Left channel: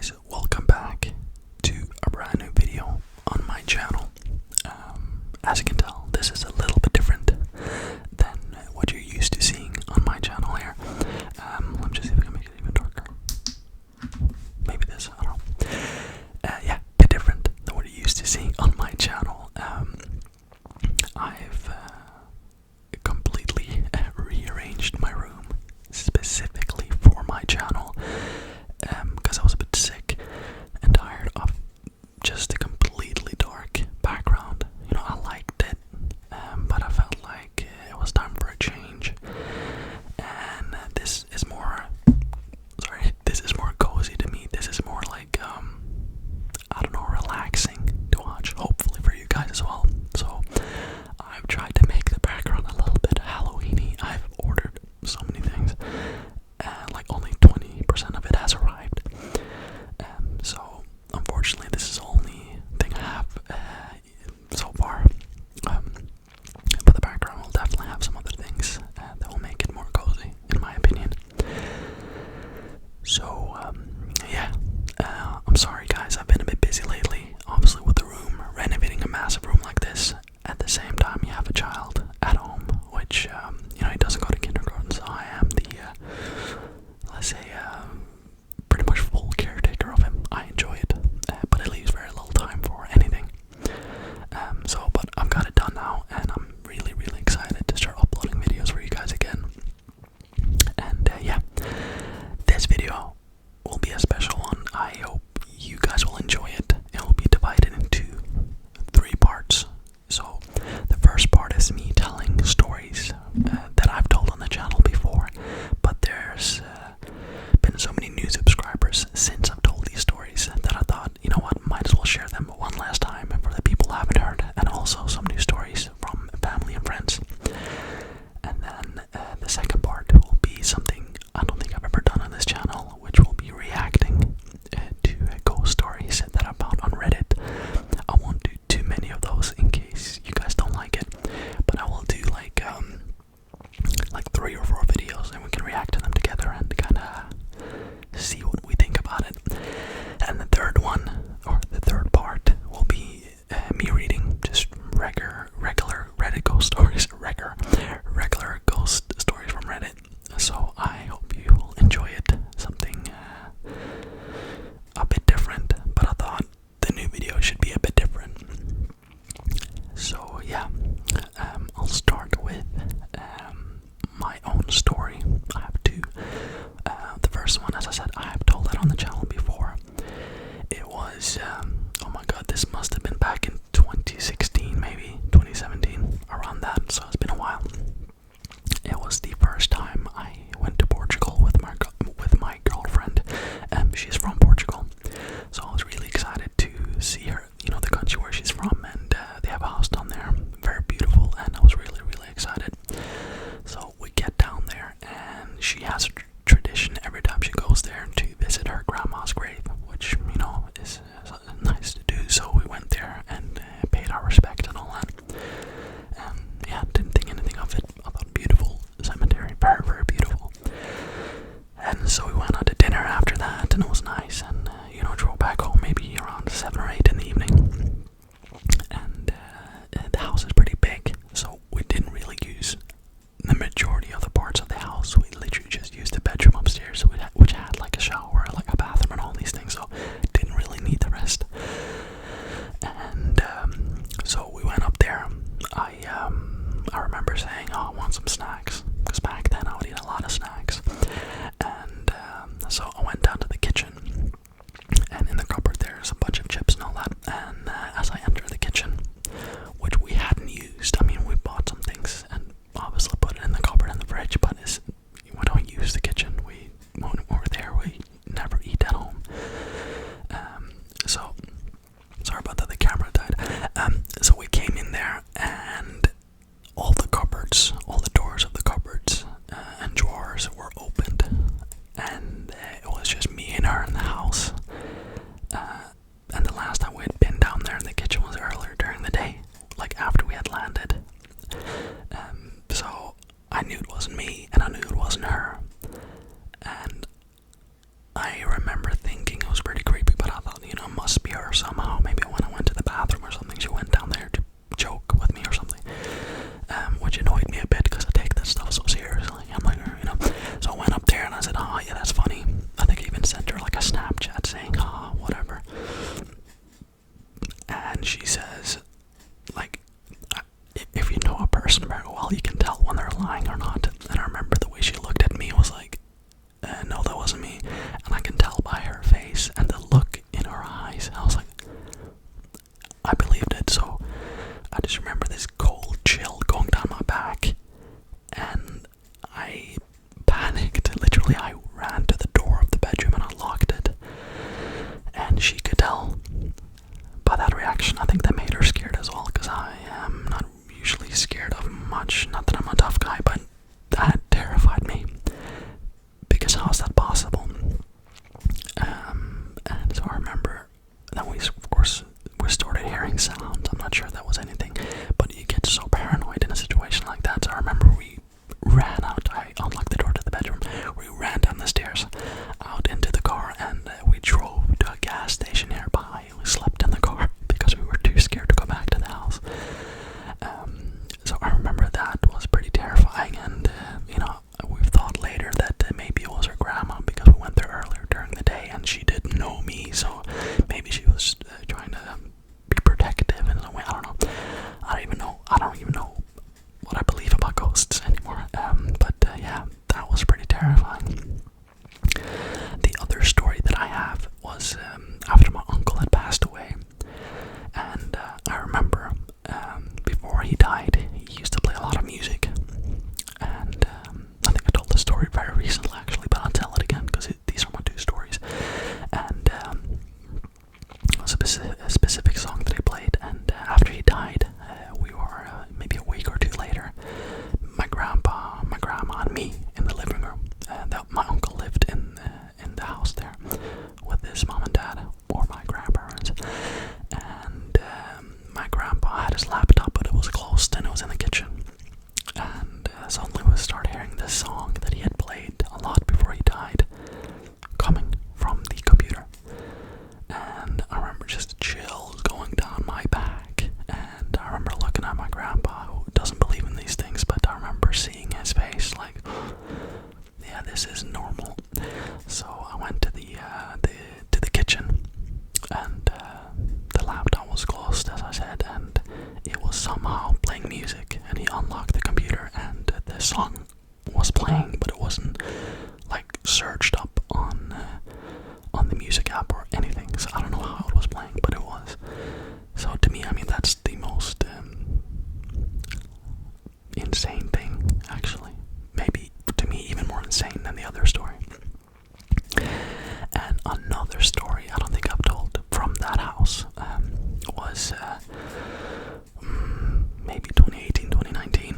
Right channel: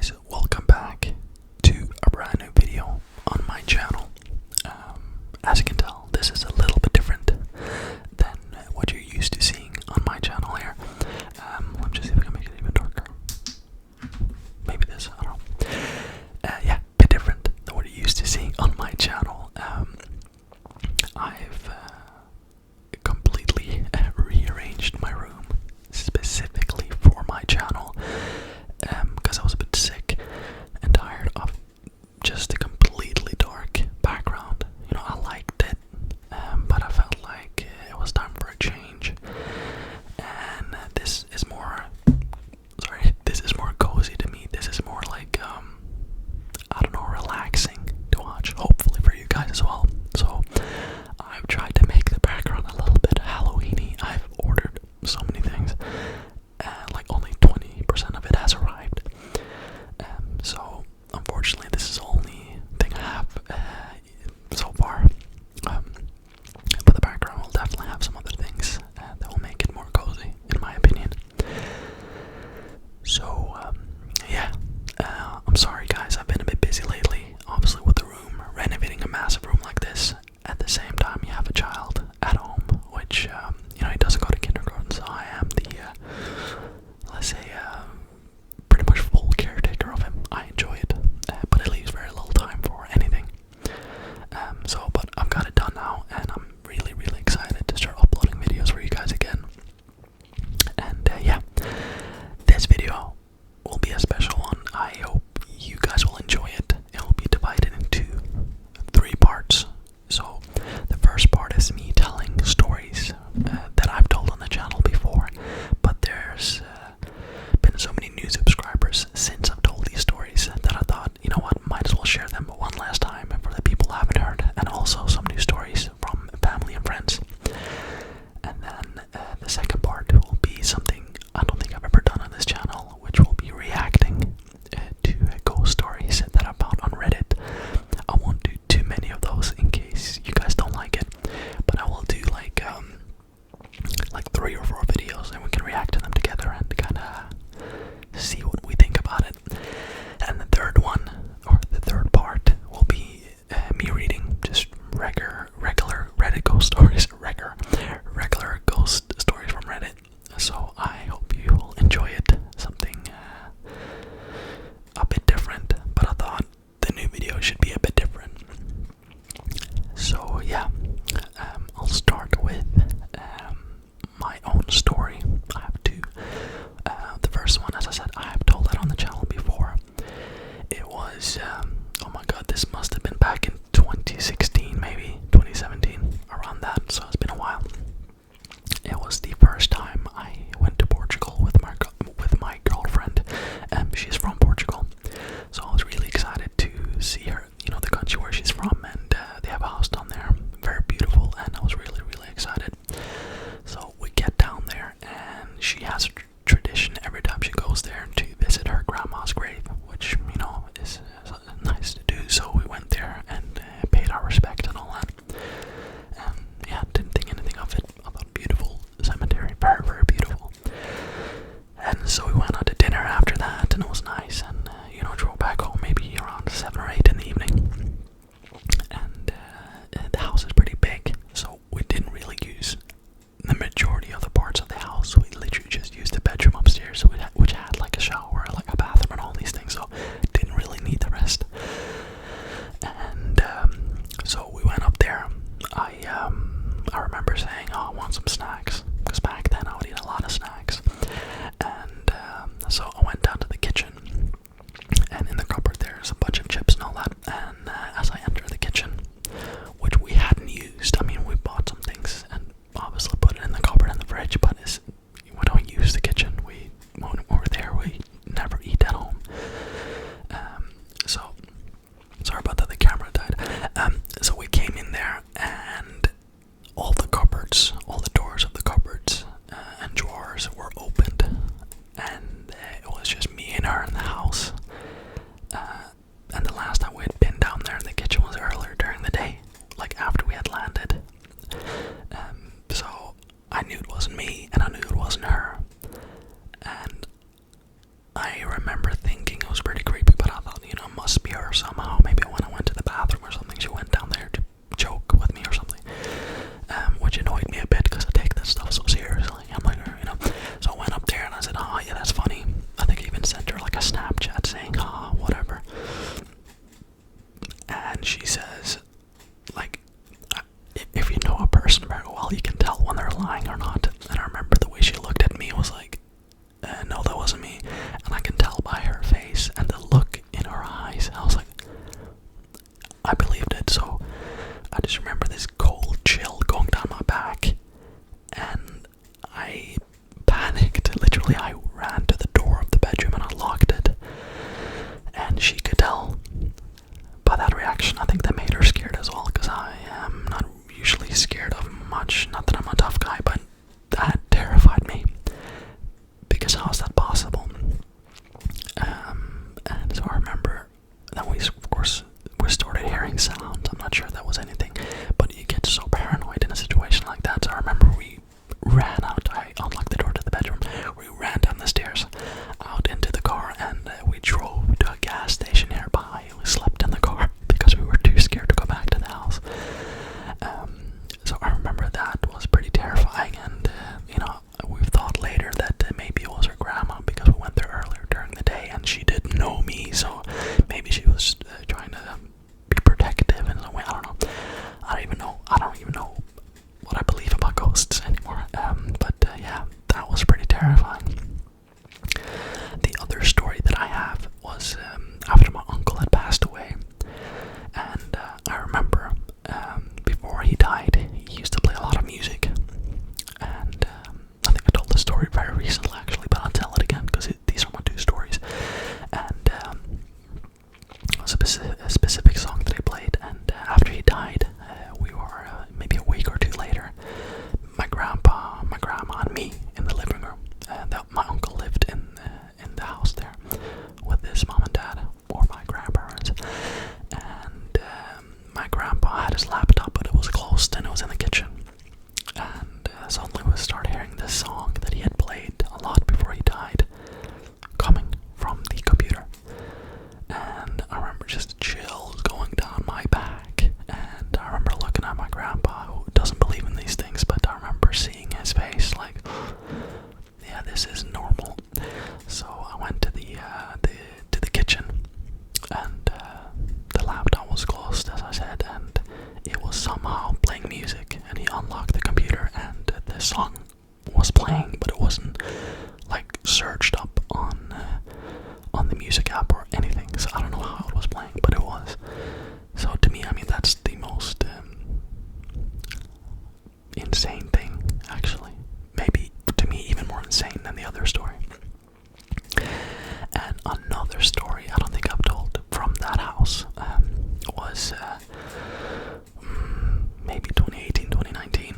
guys, welcome back to a brand new video on my channel. As you can tell, this is a little bit different than what you're used to seeing on my channel here. Let me just see if I can make it even darker. Maybe this, I don't know. Yeah, a bit different than what you're used to seeing on my channel. I've completely rearranged my room specifically for my channel. Because I was a bit sick and tired of just a completely dark background. You know, I liked it, but I felt like it was time for a change. And this is more cozy to me. This is more like, I don't know, relaxing to watch, hopefully for you guys as well. So I've tried to make the background a little bit Halloween-y. I've ordered so many things, and like only 20% of it has arrived. So unfortunately this is the only thing I have so far. But the background will definitely have some other things that will make it more cozy, in my opinion. So yeah, I'm sorry guys, I've been a bit busy lately, obviously with the room, renovating a massive room like this. At the same time you have a child at home, which, you know, he doesn't go to kindergarten, so I am the, let's say, pretty much full caretaker of him. I enjoy it, but it leaves very little time for anything. But I've got it done now, and I'm really, really excited to start uploading videos for you guys again. And yeah, this video will be a special one. I hope you guys will enjoy it. It will be divided into 3 parts. So the first part is me telling stories that I've told on the channel before, but there's been so many new subscribers since I've told these stories that I thought, you know what, might as well share them one last time for the people who haven't heard, and also some new stories from family and friends. And then the second part will be something I don't think I've ever done on this channel, which will be reacting to ghost stories that I found on Reddit. I won't do too many of those in case you guys don't like it, but I will do like 3 or 4 videos, and we can react to them together and kind of see what we think about it. And the third one, or the third part, will be me reading just regular Reddit ghost stories, regular ghost stories from Reddit. So I hope you will enjoy it. Something a bit different, but I thought the new video should be a bit different. So yeah, I'll start with my own story. I have 2. The first one, as I said, I have told that on the channel before. It was, oh my god, this must have been back in 2016, maybe 2017, around that, so it's been a while. It was the first time I went to Portugal with my girlfriend. She's from Portugal, so I was really excited to see her, you know, the country where she's from, and they have a house down there, very beautiful, and I was really, really excited. So we get down there, and she has a tradition every time she goes there to visit her grandma's grave, which, you know, is nice to do. So we went there and paid our respect and all that. Yeah, didn't think anything of it. I thought beautiful cemetery, very, very beautiful. And so we went out to dinner after that, and it was nice, and you know, drove back home maybe around 7 or 8 in the evening. And the house is pretty big, so we didn't really use the majority of the parts of the house. We literally just used the bedroom upstairs, which had like a shower, like a bathroom, and all these things, so didn't really need the rest. And so we went up there. I remember saying, oh, I want some snacks, because back then I would eat a lot of snacks. And so I went down to the kitchen, and in the cupboard there's a bunch of chips and all that. And as I enter the kitchen, which we hadn't used, I mean, we bought some things and obviously put it in the cupboard in the fridge, but we don't use the kitchen. When we're there, we never eat at home. So sorry about that, the camera died. So we came in there, and all the cupboards, all the doors of the cupboards and drawers were opened, and it was just me and her in the house. And the last time we had been down there in the kitchen was earlier during the day, like after we had landed. So I knew it wasn't me, and I knew it wasn't her. And I remember thinking it was pretty creepy her somehow. Maybe when I went to the bathroom or something, she went down there to joke with me or something, which annoyed me a bit because I take that stuff so seriously. I'm like, so I went up there and I said, oh yeah, that's funny. I think I even sent her like a Snapchat saying, whatever. And she says, like, if you know a person very well, you can tell when they're lying or not. And I remember the way she looked at me was like, no, that wasn't me. And I can tell by her face and the look in her eyes. I was like, I believed it. So I just remember this cold chill going down my back, and I panicked. Literally, I ran to the door of the bedroom and I locked it. And she could tell by that reaction. I think that made her scared as well, because I am not usually scared of much. Not that I'm a tough guy, but that terrified me. Because how is that possible? And so I remember that we started hearing sounds. I'm not sure if that was anything, but you get so paranoid in a situation like that. So I remember we ran out. I unlocked the door to the bedroom. We ran down the stairs, out into the car, and we drove to a gas station nearby. We slept in the car because we were too scared to go back to the house. So I remember that was pretty terrifying, and we've thought later that maybe it was her grandma, because we went there earlier during the day and she didn't know me, so maybe she was trying to be protective in some way. I don't know. I don't even know what I believe about ghosts anymore. But yeah, that was pretty terrifying. The other story that I have was after my uncle had passed away, and I remember before he died, he used to play a lot of music, and I think I told the story very recently actually, but I'll tell it again because these are my two stories. And it was a specific song that he played, and after he died, we were maybe a week or two later, my grandpa, my grandma, and me in the living room. My uncle lived in the house there with his mom and dad, or my grandparents. And my grandpa had his laptop, but it was closed and it was in the kitchen. And suddenly we started hearing this song that he had played a lot before he died, coming from the computer. And I remember just chills going down my back. And I remember looking at my grandpa, who doesn't believe in these things, but I remember seeing his face like, yeah, this is normal. So I went to the kitchen, and the laptop was closed, as I said, and it was somehow playing music. And he unlocked the computer, and the song was playing, but it wasn't like searched up on the music app or anything. So I don't know how it was playing, but it was. So to me, I mean, that's the most insane thing, actually. Maybe to me even more insane than the other story. And another story I don't think I've told from that house was maybe 2018, 2019.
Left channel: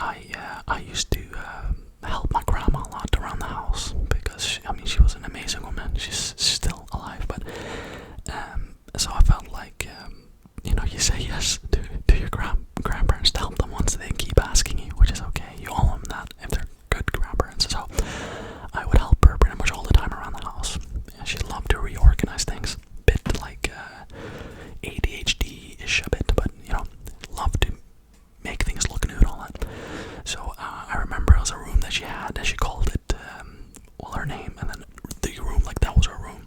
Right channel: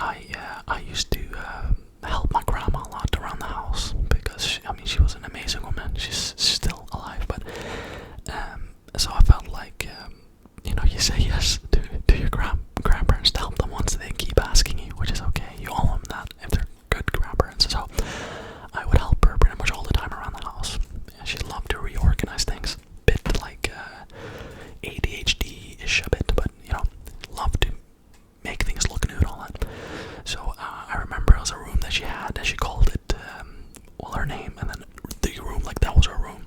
I used to help my grandma a lot around the house, because she was an amazing woman. She's still alive, but so I felt like you say yes to your grandparents to help them once they keep asking you, which is okay. You owe them that if they're good grandparents. So I would help her pretty much all the time around the house. She loved to reorganize things, bit like ADHD-ish a bit, but loved to make things look new and all that. So I remember it was a room that she had, and she called it her name, and then the room, like that was her room,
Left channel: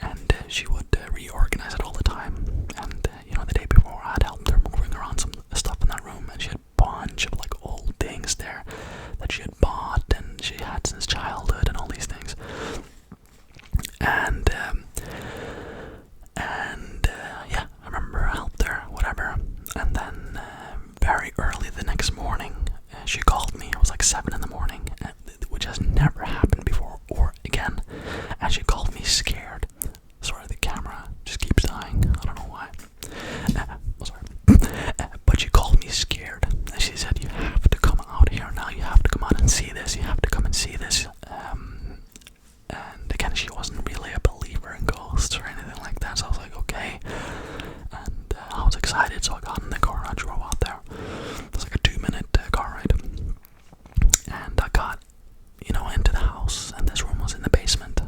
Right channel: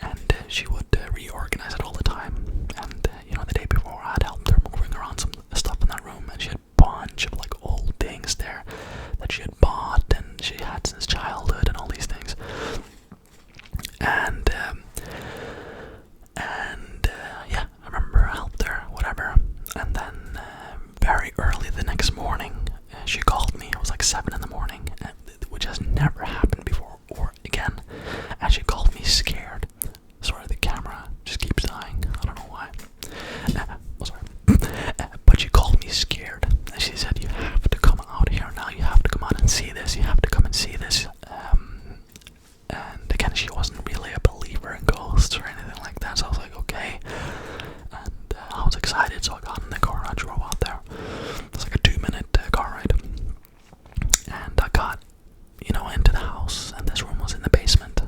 and she would reorganize it all the time. And the day before, I had helped her moving around some stuff in that room, and she had a bunch of like old things there that she had bought and she had since childhood and all these things. And yeah, I remember I helped her, whatever. And then very early the next morning, she called me. It was like 7 in the morning, which has never happened before or again. And she called me scared. Sorry, the camera just keeps dying. I don't know why. Sorry. But she called me scared. And she said, you have to come out here now. You have to come out and see this. You have to come and see this. And again, she wasn't really a believer in ghosts or anything like that. So I was like, okay. And I was excited, so I got in the car and I drove out there. It was like a 2-minute car ride. And I got, into the house, and this room was in the basement,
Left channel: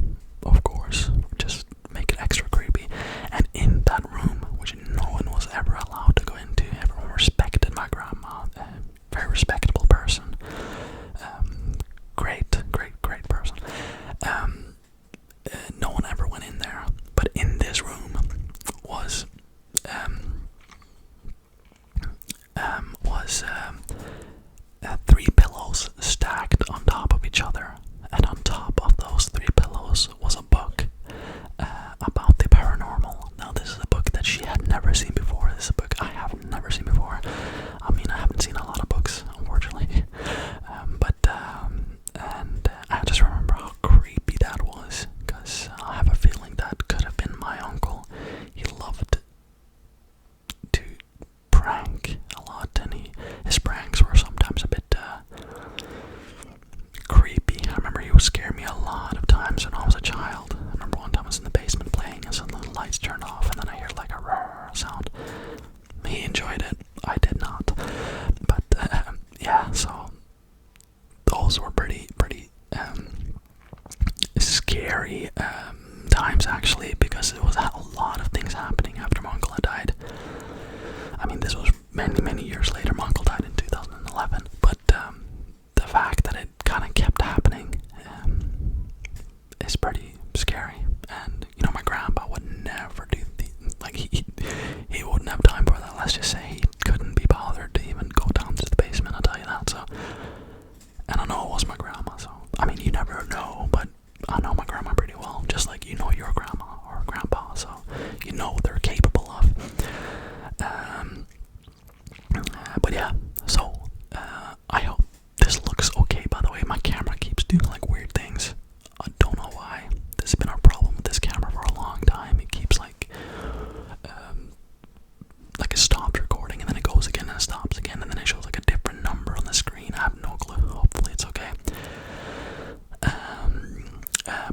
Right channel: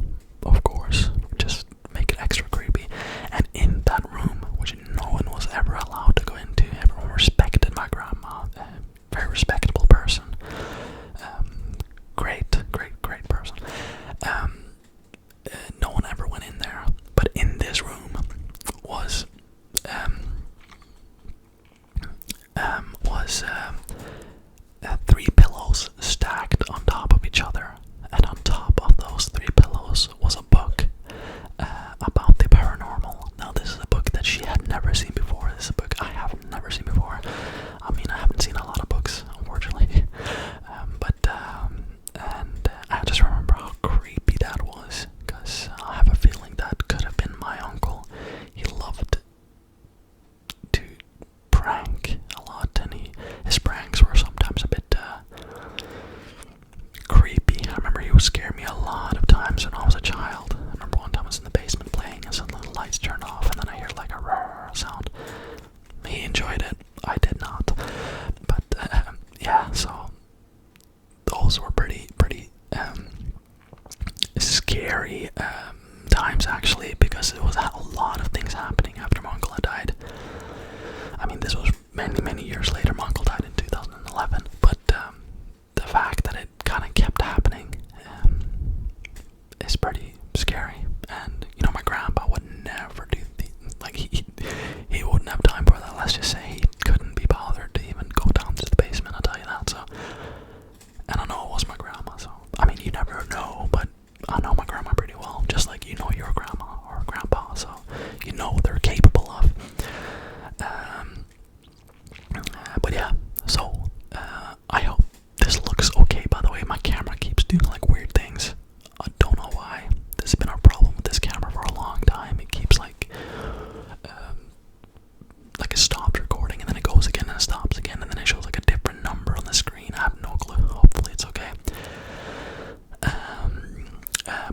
of course, just make it extra creepy. no one ever went in there. But in this room was three pillows stacked on top of each other, and on top of those three pillows was a book about the paranormal. Now, this is a book that she had never seen before. This is a book I have never seen before. I mean, I haven't seen a lot of books, unfortunately. And I just remember how creepy that was, because I have a feeling that could have been my uncle. He loved to prank a lot, and his pranks were sometimes a bit creepy. I remember he would scare me a lot of times when I was a child. I remember one time I was in the basement playing, and suddenly the lights turned off, and then I hear like a roar sound. He enjoyed it. I did not. But yeah, so those were pretty scary times, actually, because there was a lot of things happening after my uncle had died. I mean, this was many years later. My uncle died in 2011, but the fact that it kind of kept happening is pretty scary. And you know, my grandpa would never do he wouldn't have time for that. Let's just say he couldn't be bothered to even go down to the basement, I'll tell you that. So, and I know it was my grandma, so I mean, you never know, but I know my grandma pretty well, just like you know your grandma or grandpa, so you know what they're capable of. But yeah, so I hope this looks okay. By the way, my camera keeps doing like weird things. I don't know why. This has been a problem with this camera for a long time. It keeps like it stops recording, and then it goes again and it stops again, and then it shows like a different number on the screen. I have no clue. Hopefully it's okay.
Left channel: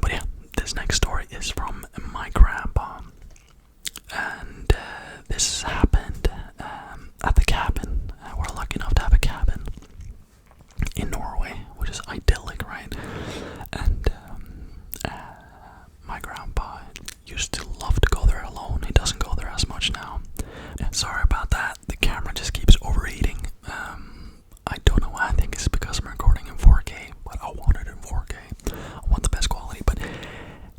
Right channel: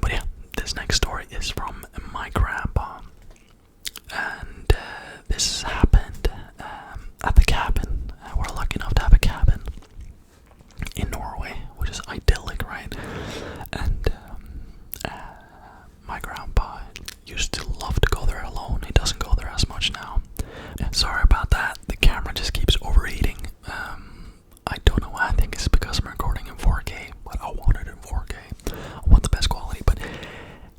But yeah, this next story is from my grandpa, and this happened at the cabin. We're lucky enough to have a cabin in Norway, which is idyllic, right? And my grandpa used to love to go there alone. He doesn't go there as much now. Sorry about that. The camera just keeps overheating. I don't know why. I think it's because I'm recording in 4K, but I want it in 4K. I want the best quality. But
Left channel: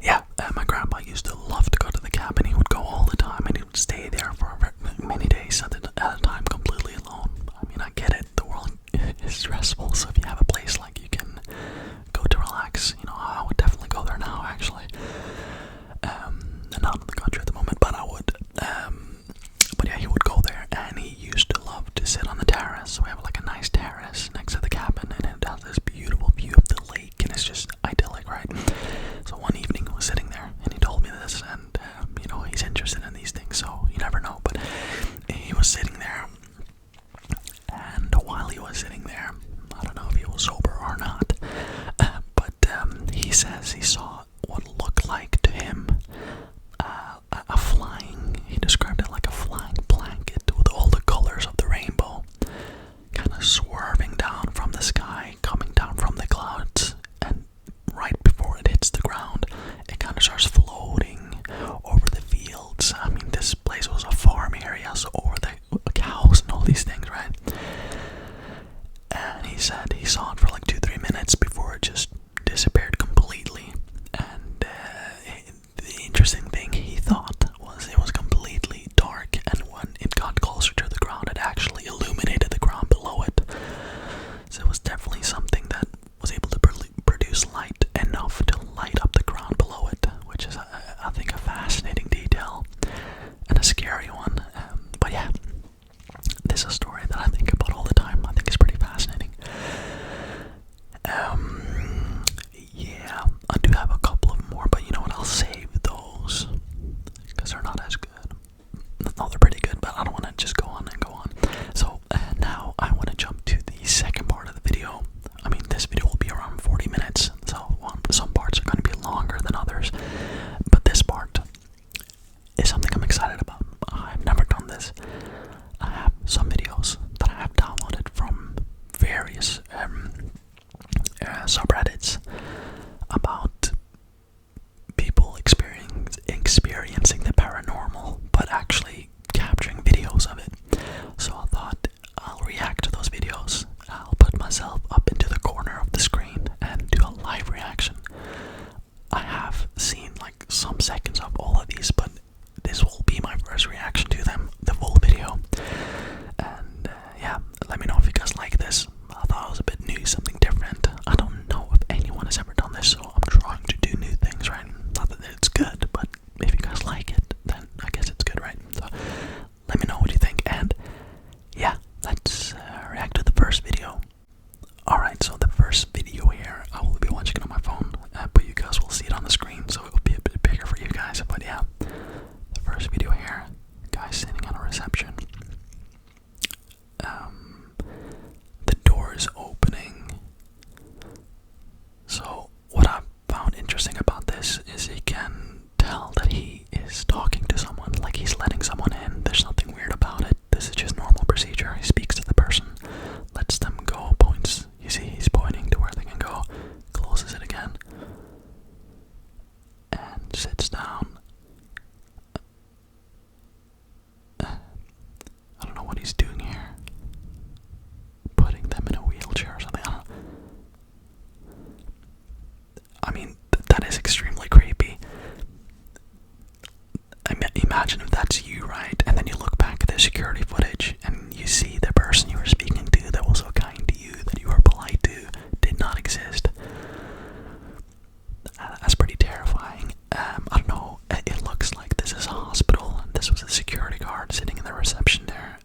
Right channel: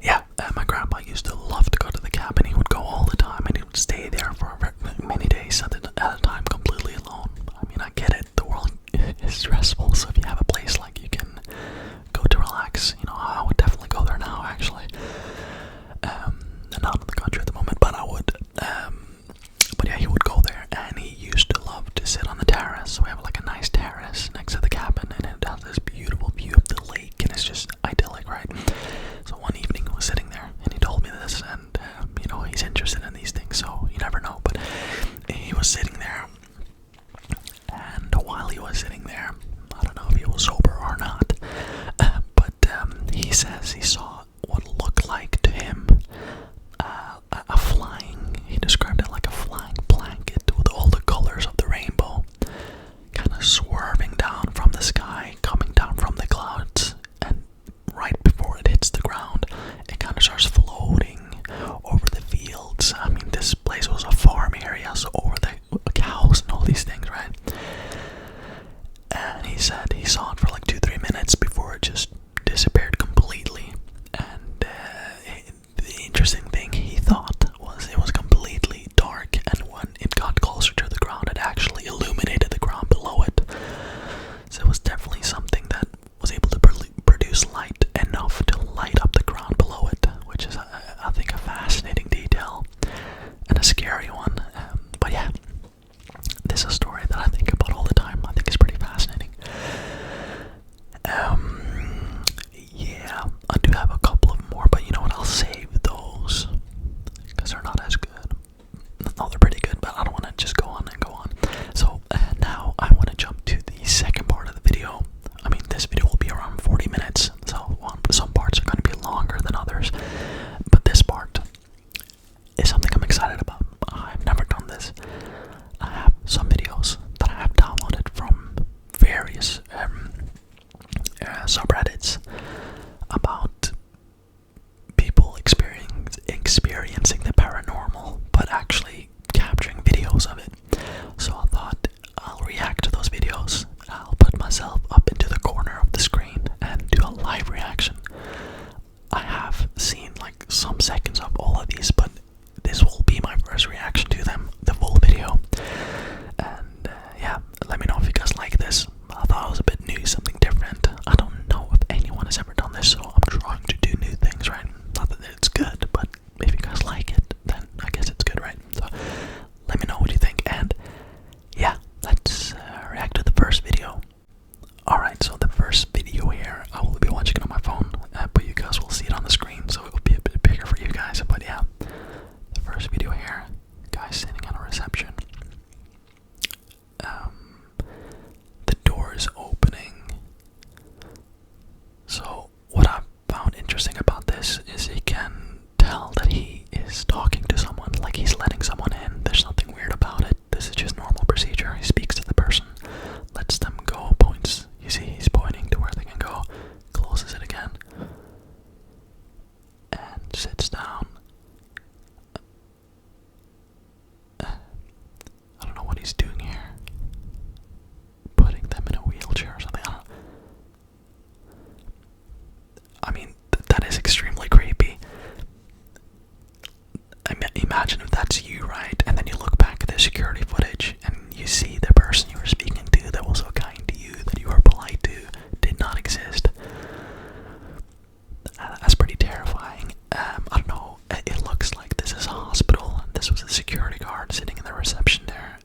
yeah, my grandpa used to love to go to the cabin. He would go all the time, and he would stay there for many days at a time, completely alone. I mean, I get it. The world is stressful, so if you have a place like you can go to relax, you know, I would definitely go there now, actually. Not in the country at the moment, but I would. But yeah, he would go there, and he used to love to sit on the terrace. So we have like a nice terrace next to the cabin, and it has this beautiful view of the lake, and it's just idyllic, right? So one evening I was sitting there, and he told me this, and you know, he's interested in these things, so you never know. But he was sitting there, and while he was sitting there, I don't know if he was sober or not, but he says he saw what looked like to him a flying, he described it like a flying blanket with all the colors of the rainbow, kind of swerving down from the sky, coming down from the clouds, and right before it hits the ground, it kind of starts floating over the fields. I mean, this place was a farm area, so over the cows and all these things, right? And he said he saw it for like 2-3 minutes before it just disappeared completely. And the interesting thing he thought was it was completely dark, and when it got closer to the ground, it actually illuminated the ground below it. So it was definitely something that was able to produce light enough to light up the ground below it, which is, I think, a fascinating detail and a scary one. But yeah, this is a story that I think about all the time. I think it's pretty fascinating. Yeah, I do have a couple of more, but you know what, I'll save those, because they're not as good. No, they're pretty good, but I don't want to just go on and go on. So, now I want to jump to the second part of the video. I mean, this video will be around 40 minutes, so some parts are going to be longer than others, but this part is something I'm excited about. I've never done this. I have some videos that I have downloaded from various subreddits about people experiencing the paranormal, but actually capturing videos of it. So I thought I'll react to those videos. I'll put myself up into the corner of the screen and do a live reaction. I have seen sits down. I don't know what he's doing here. Putting them in a wheelchair or something. I mean, that is extremely creepy. Imagine if that's you, right? And then you look back at the security footage and you see the person you were speaking to that was so kind to you, that you were polite to, did not exist. That's pretty terrifying. I don't know. It looks like this is a hospital, and this was a security guard sitting in the reception there.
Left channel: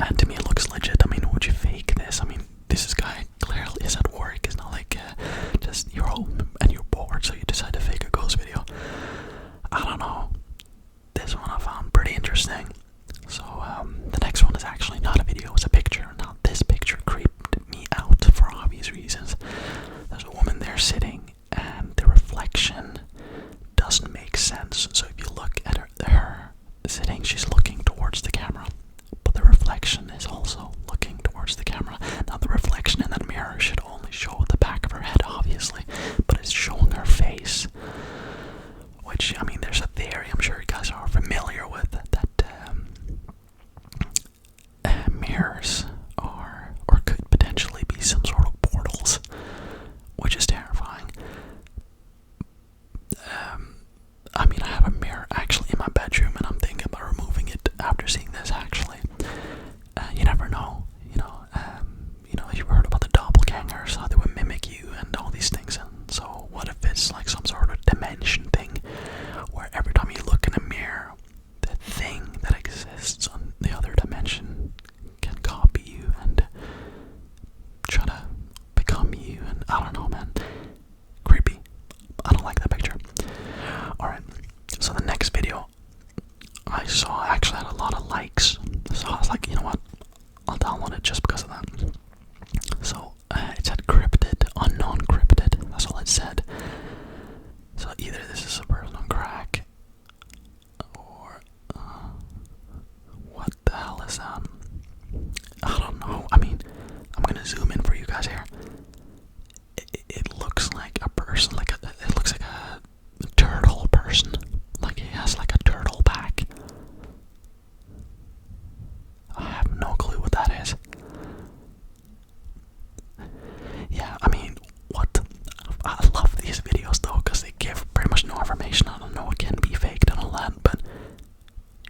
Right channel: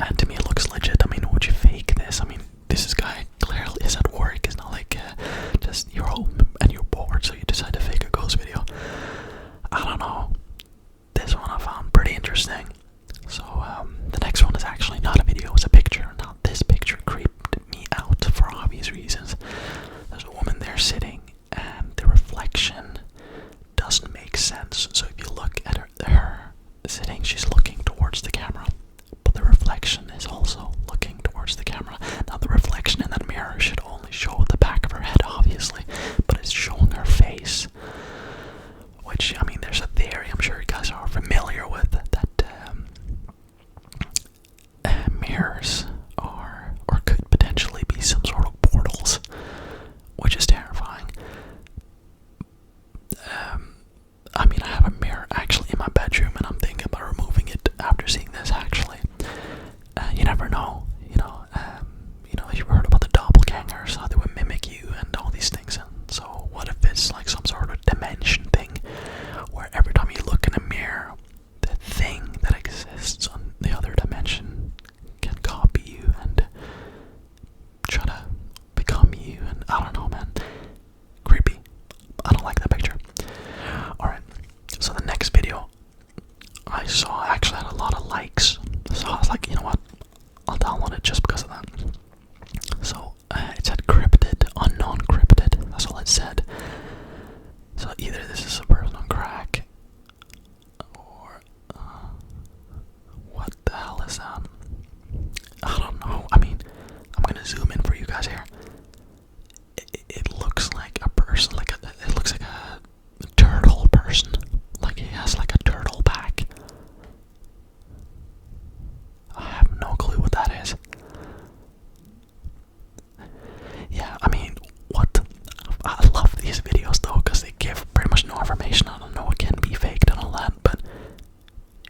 And to me, it looks legit. I mean, would you fake this? I mean, this guy clearly is at work. It's not like just you're home and you're bored, so you decide to fake a ghost video. I don't know. This one I found pretty interesting. So the next one is actually not a video, it's a picture. Now this picture creeped me out for obvious reasons. There's a woman there sitting, and the reflection doesn't make sense. So if you look at her sitting, she's looking towards the camera, but the reflection is also looking towards the camera. Now the reflection in that mirror should only show the back of her head, obviously, but it's showing her face. Which, I mean, there's a theory I'm sure you guys are familiar with, that mirrors are, or could potentially be, some sort of portals, which is terrifying. I mean, I have a mirror actually in my bedroom, and I'm thinking about removing it after seeing this, actually. You never know, you've heard about the doppelgangers, how they would mimic you and all these things, and so what if it's like some sort of dimension thing, where every time you look in a mirror, the thing that exists on the other dimension can copy you and try to become you, and I don't know, man. Creepy. I don't like that picture. Alright, so the next video I saw actually had a lot of likes, so I was like, you know what, I'll download it just because of that. So it said cryptid, unknown cryptid, that's all it said. So either this is a person on crack, or what the hell is that? I don't know. I mean, I'm gonna zoom in for you guys here. It looks like a person, it looks like a turtle person. Like he has like a turtle back. I have no clue what that is. Yeah, I mean, what? I love these videos though, because they give pretty much no information. I don't know what can be faked and all that, but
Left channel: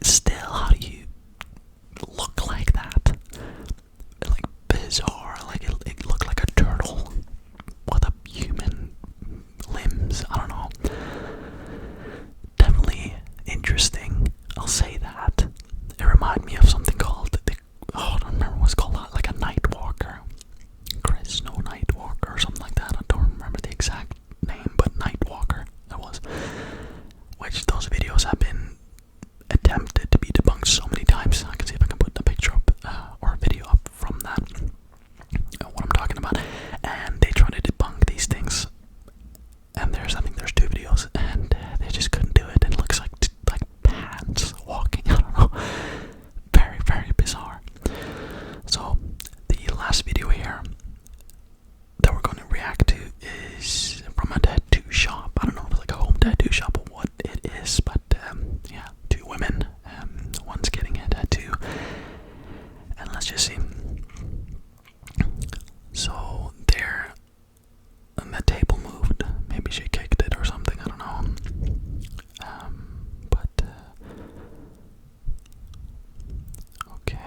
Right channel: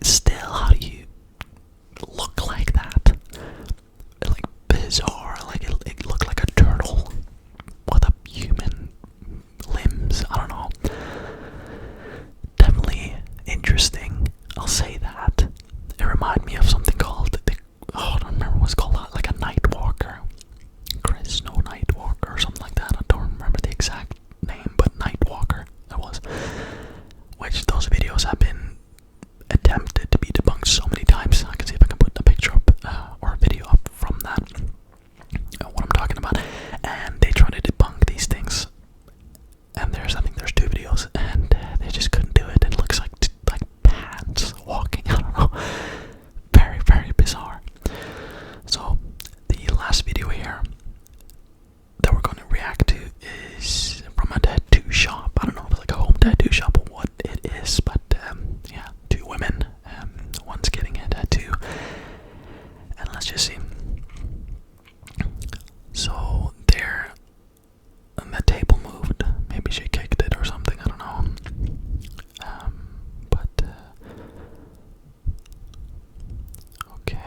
still, how do you look like that? Like, bizarre. Like, it looked like a turtle with a human limbs. I don't know. Definitely interesting, I'll say that. It reminded me of something called I don't remember what it's called, like a night walker. Chris No Night Walker or something like that. I don't remember the exact name, but Night Walker it was. Which those videos have been attempted to be debunked so many times. I can see if I can put a picture up or a video up from that. What I'm talking about. And they try to debunk these things. And I think there's 2 videos, and they just couldn't do it. And it looks like pants walking. I don't know. Very, very bizarre. So the last video here that we're going to react to is from a tattoo shop. I don't know if it's like a home tattoo shop or what it is, but yeah, 2 women. One's getting a tattoo, and let's just see. So there, and the table moved. Maybe she kicked it or something. I don't know. But okay,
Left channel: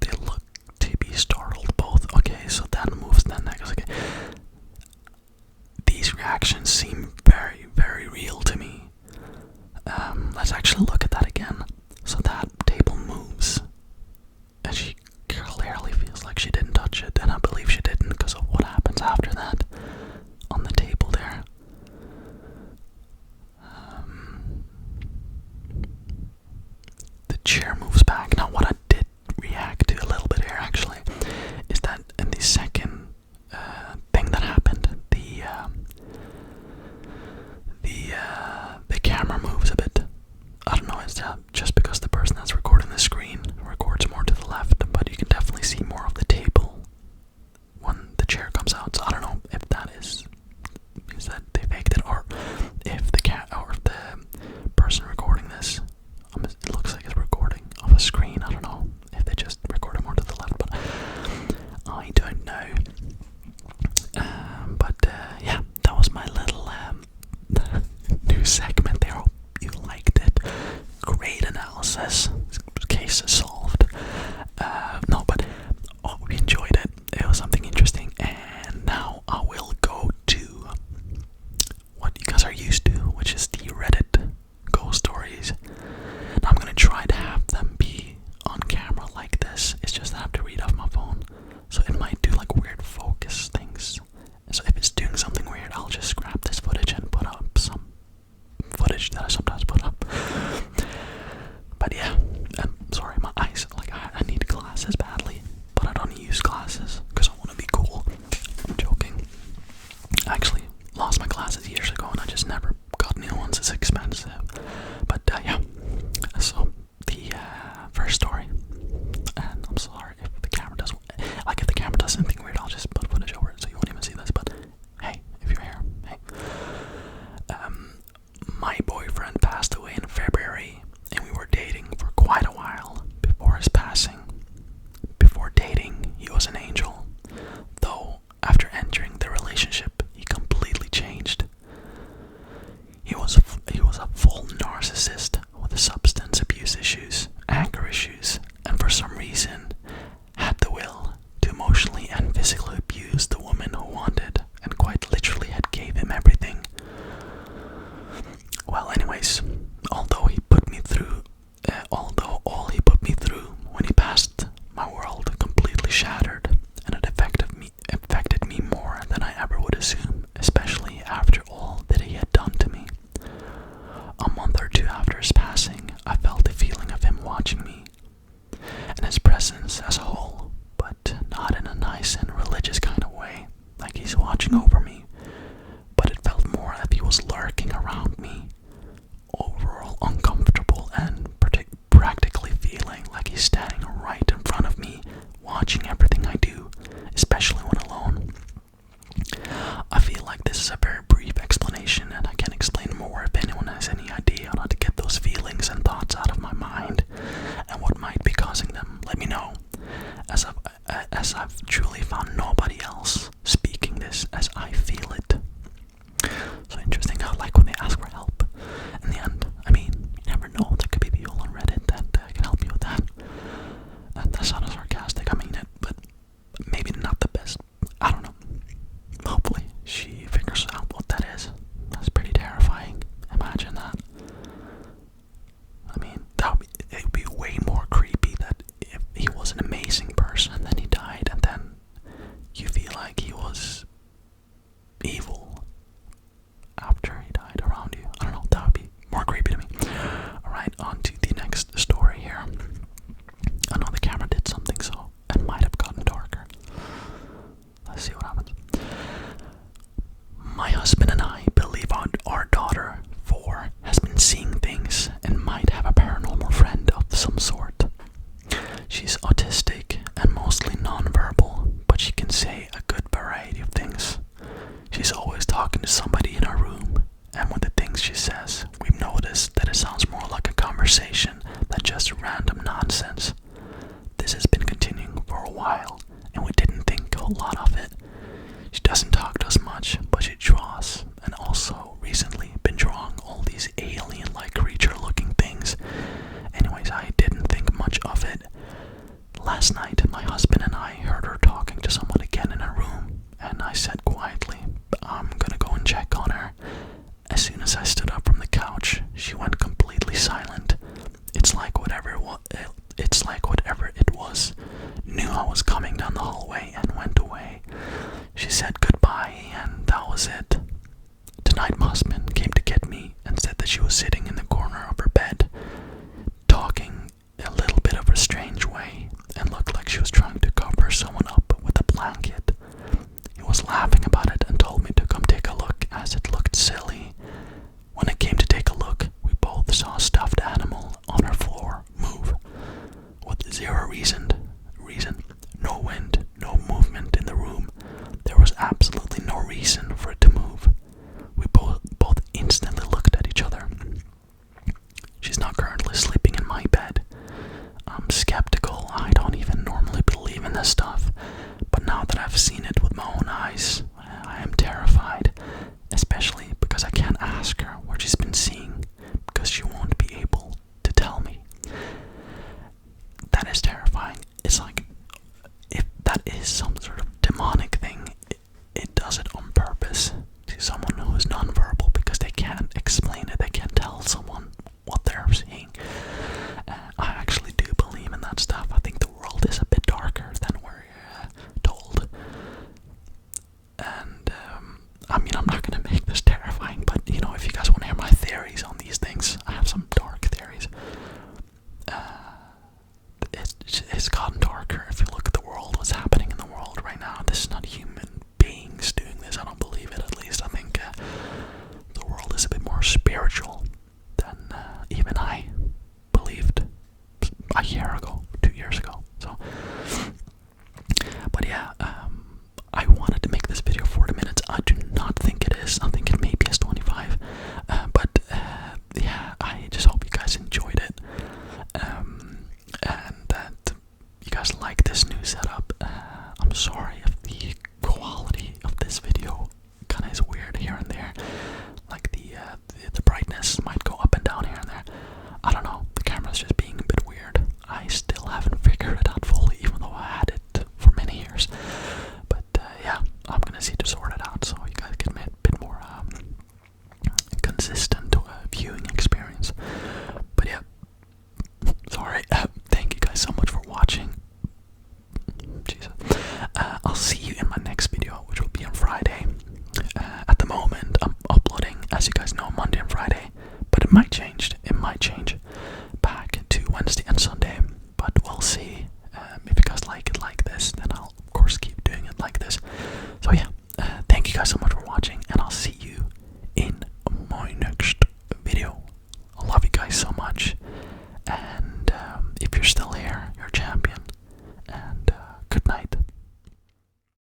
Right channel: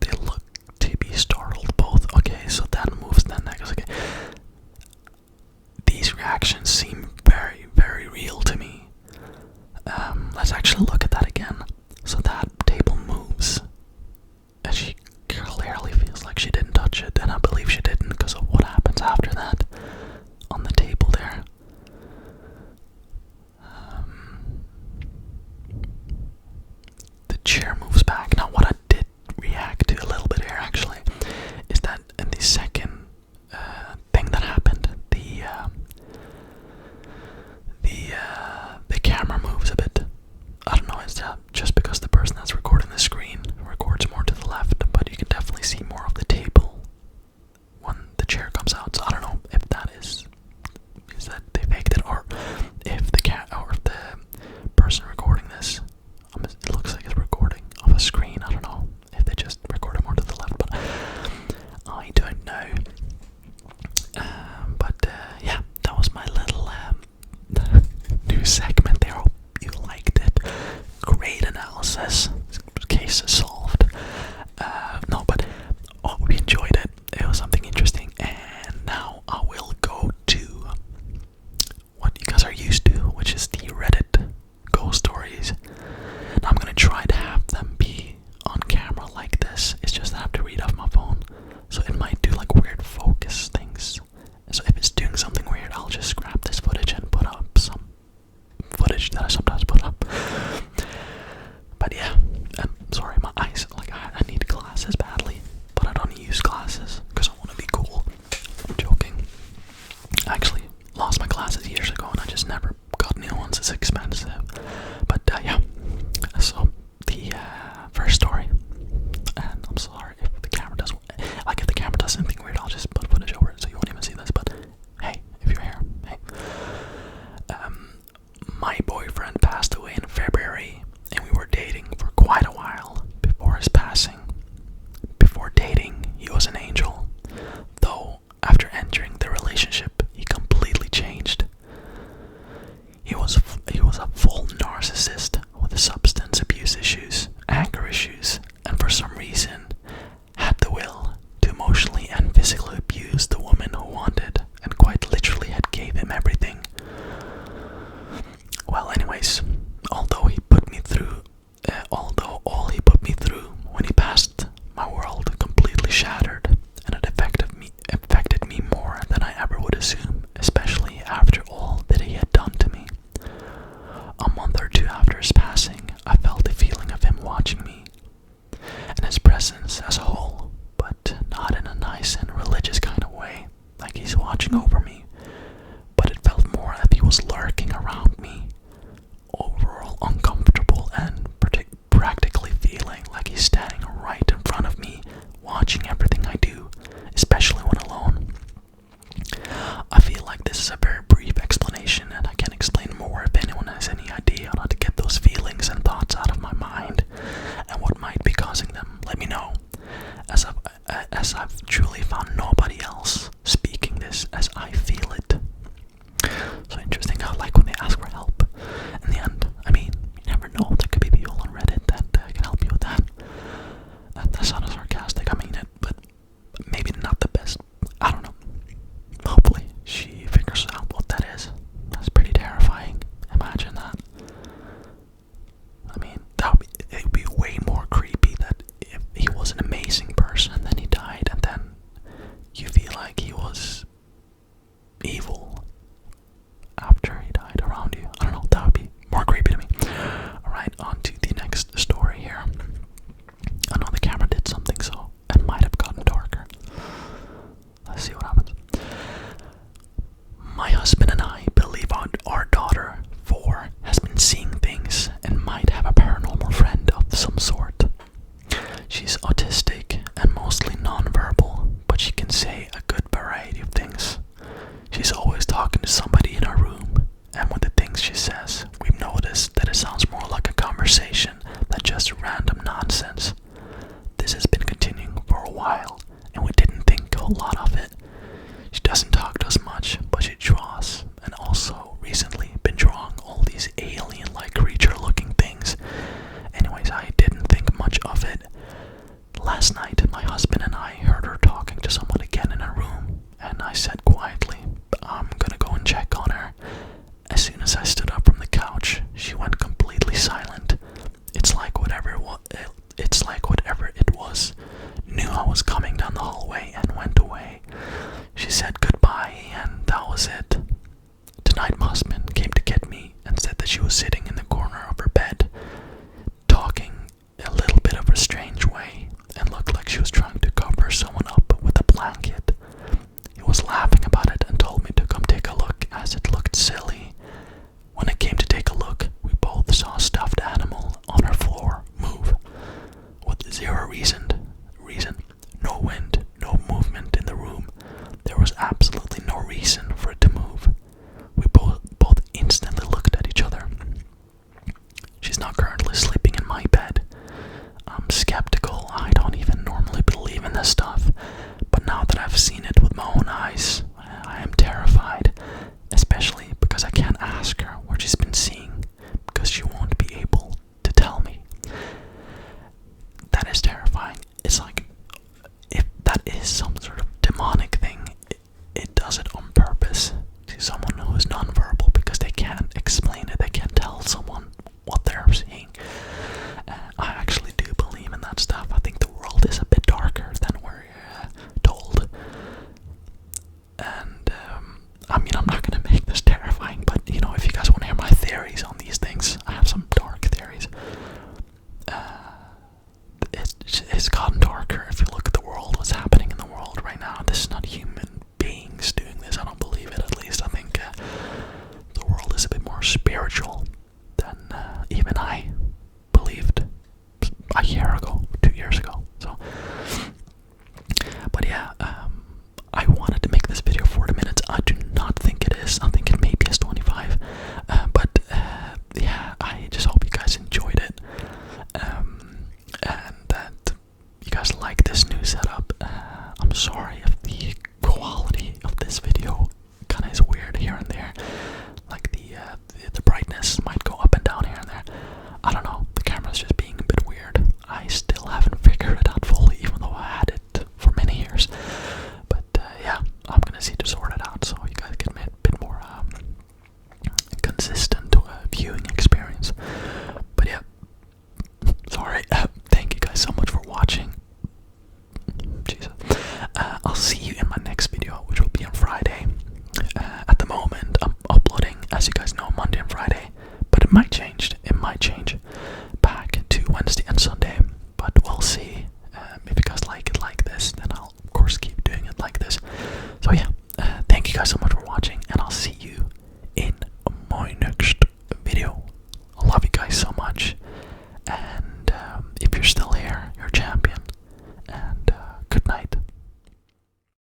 they look to be startled both. Okay, so that moves. Then that goes. Okay, these reactions seem very, very real to me. Let's actually look at that again. So that table moves, and she clearly feels like she didn't touch it, and I believe she didn't because of what happens after that on the table there. The chair moves back. Now, what I did react to a little bit here actually is that in the second thing that happened, the camera moves a bit. I don't know, is that just because the person that's recording the screen records more to the left, but you can definitely see more of the table when the chair comes out. So I don't know if that is that they years ago, and I just never got new ones. It's expensive. But yeah, so the first story, and I'm sorry if the camera does, like if the camera does anything weird, I'll just put footage over it so you won't even see this. But hey, if you're here, hey. My boyfriend passed away in February, and we were dating for quite a while before his passing. Before dating, he was an angel, though after entering the relationship, he completely changed. He was a full narcissist with substance abuse issues, anger issues, and for some reason had the will to emotionally and physically abuse the woman who wanted and quite literally had gave him everything. Well, anyways, although all he put me through when he passed, my world completely shattered, and it affected me more than I ever would assume, especially after all that he had done to me. A month or two after his passing, I felt the feeling of him watching me, and his presence as a whole, but not in a nice and religious kind of way, like he's watching over me, but it felt more that he was lurking around me, overall uncomfortable and practically feeling like he's standing right in front of me, watching everything I do, especially when alone. I feel like this is a very brief explanation, and I can explain more if anyone has any idea on how to get those feelings and thoughts out of my mind and what might be causing them. Let me know, as I've truly found nobody else speaking this as I feel it. So interesting how, like, when they ask for help, in the end, I mean, you never know, there could be people on Reddit that can help you with that. That sounded sarcastic, I mean it, but maybe not the best. I don't know. Hopefully she figures out what that is. That's pretty terrifying. Imagine that. I mean, it would be way more creepy that if he was an amazing person and then he died, and then you feel like he was evil after he died around you. I don't know, that would be more creepy to me. Alright, on to the next story here. I know the camera did something, so it might have gotten darker. Let's see what happens. My husband and I believe our daughter, 4, has been seeing things and might have a paranormal friend of some sort. She's autistic and mostly nonverbal, but she can say a good variety of things. She's always talking to somebody in her room, and with the things she says, we've noticed that it sounds more like a conversation than just random nonsense. This has been continuing for a while, and we didn't think a whole lot of it. She doesn't talk to us much, but she draws, and also recently been drawing all these alien-like creature-looking things. Anyways, I didn't think much of it. Last night, my husband and I heard her talking to someone again in her room, and I said quietly, I'm gonna go and check on her. As soon as I stood up from the couch, she went completely silent. It's like whatever it was knew I was coming down the hallway and went away. She said goodbye, and that was it. Tonight, my husband came to get me and said that she was sitting in the corner of her bed, talking a little bit of a strange way, and looked like she was trying to cover someone up with a blanket. He was laughing about it and told me to come take a look, as it looked silly. When I came to take a look, we both saw a stuffed animal on her floor move, with zero reason, unusual.